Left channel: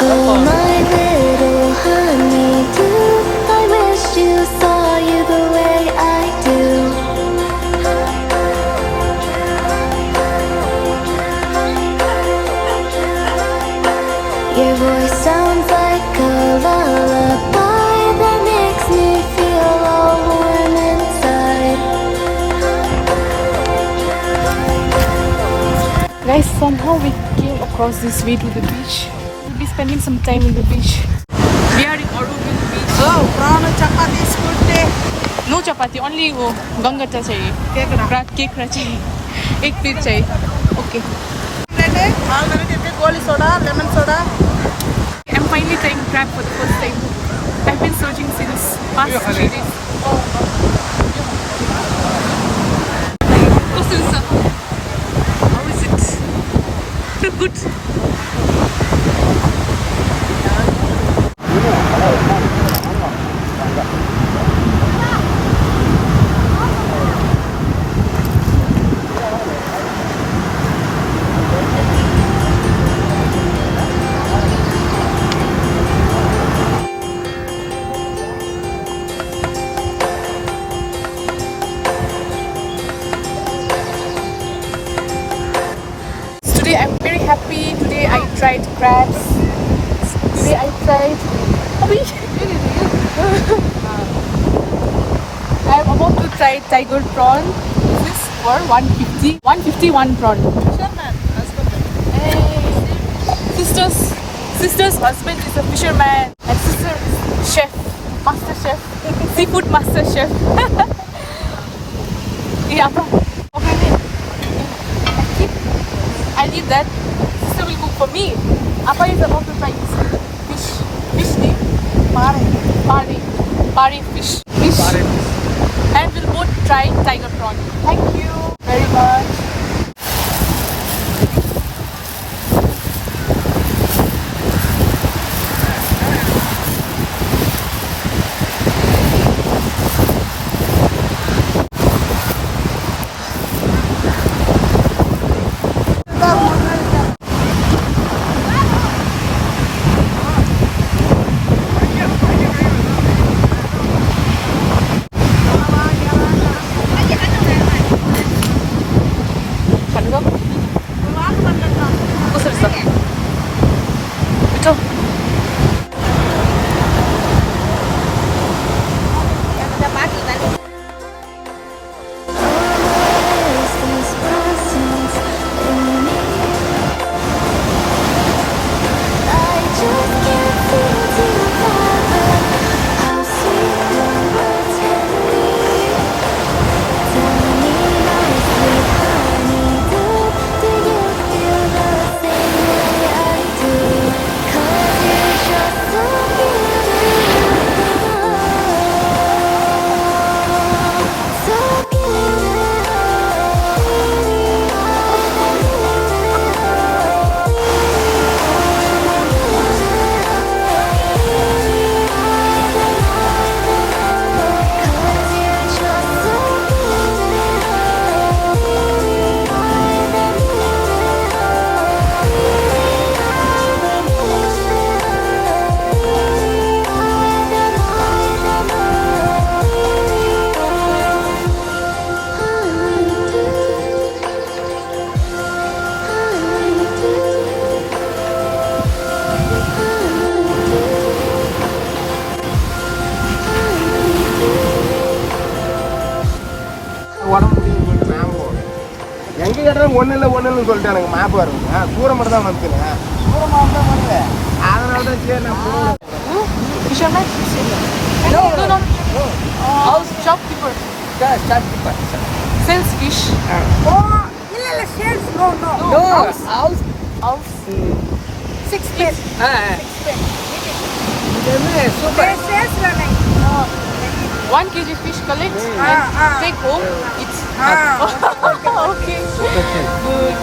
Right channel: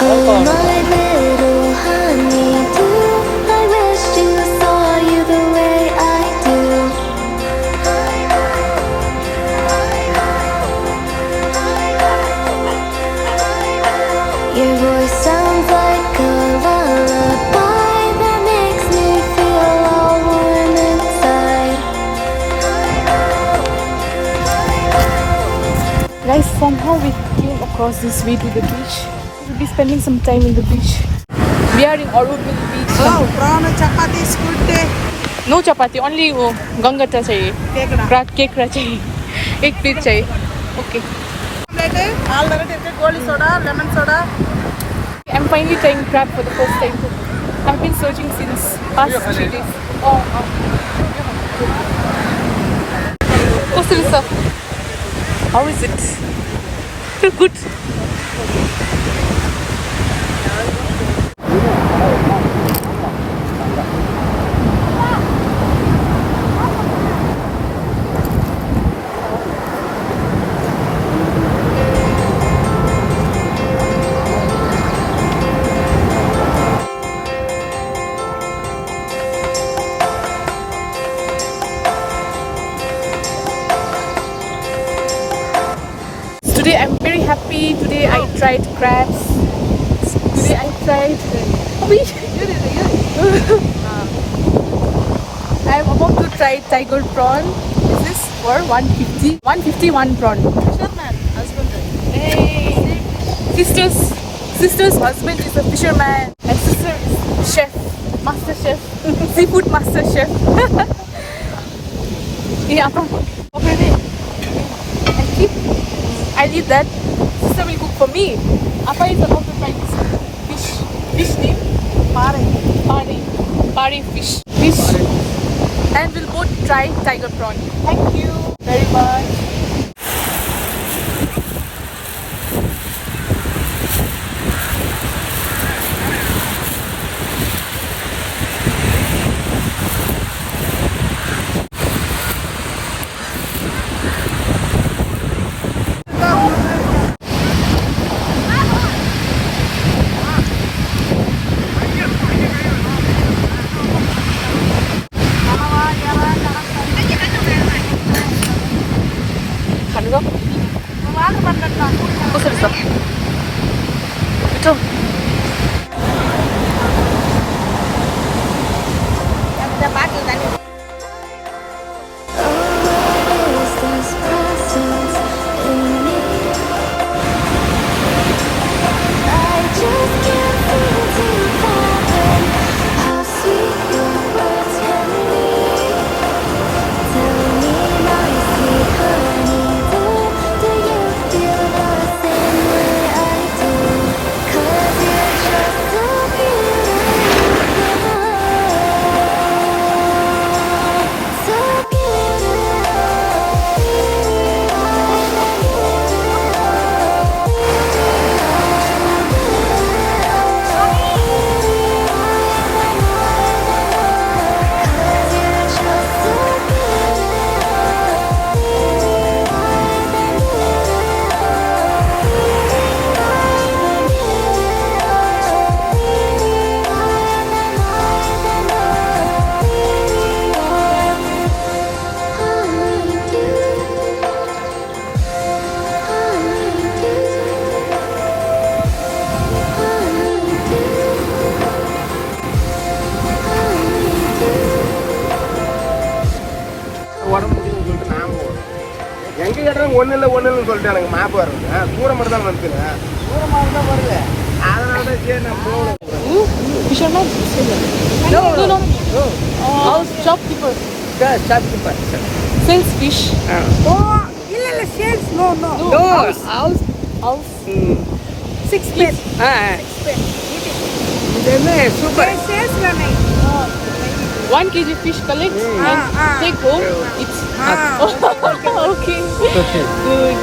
Oh, my little honeydew, I wish you saw you the way I do. Your voice sounds like a lullaby that makes me feel all warm inside. Guys, somehow we came across this way to the beach. We'll be spending some time in the beach. We are in Auroville beach. Oh, prawn chapati is good day. No chapati, only gangata chahiye. Kekra chahiye. Ek plate chahiye. Okay. All variety goli soda, lemon soda. I'm finally trying crab for the first time. I've been searching since past 3 days. Oh. What's this stuff? How is it? Good. Today I'm very happy. Today I tried crabs. Today I tried. I'm about to try tiger prawn. This is for 150. 151 prawn. Hey, sister's husband is a fisherman and sister is chef, master chef, seafood master chef. I'll eat that. Sister will cook for me. Appa is about to try this fish. Fish name? Pare fish. And we'll both try tiger prawn. Thank you very much. 가능성? 꽃을 있어. 그쵸? ஒண்ணுன்னு சொல்லிட்டு எனக்கு map வரும். தூரம் மட்டும் தான் வருது. தூரமாக தான் வருது. அதனால தான் சரி நான் Fisherman? No. House shopkeeper. shopkeeper. Sells fish. Oh, இல்ல sales no. House. 6 pen. 6 pen. இது super. Sales running. 1 kg fish collect and take home. It's okay. Good.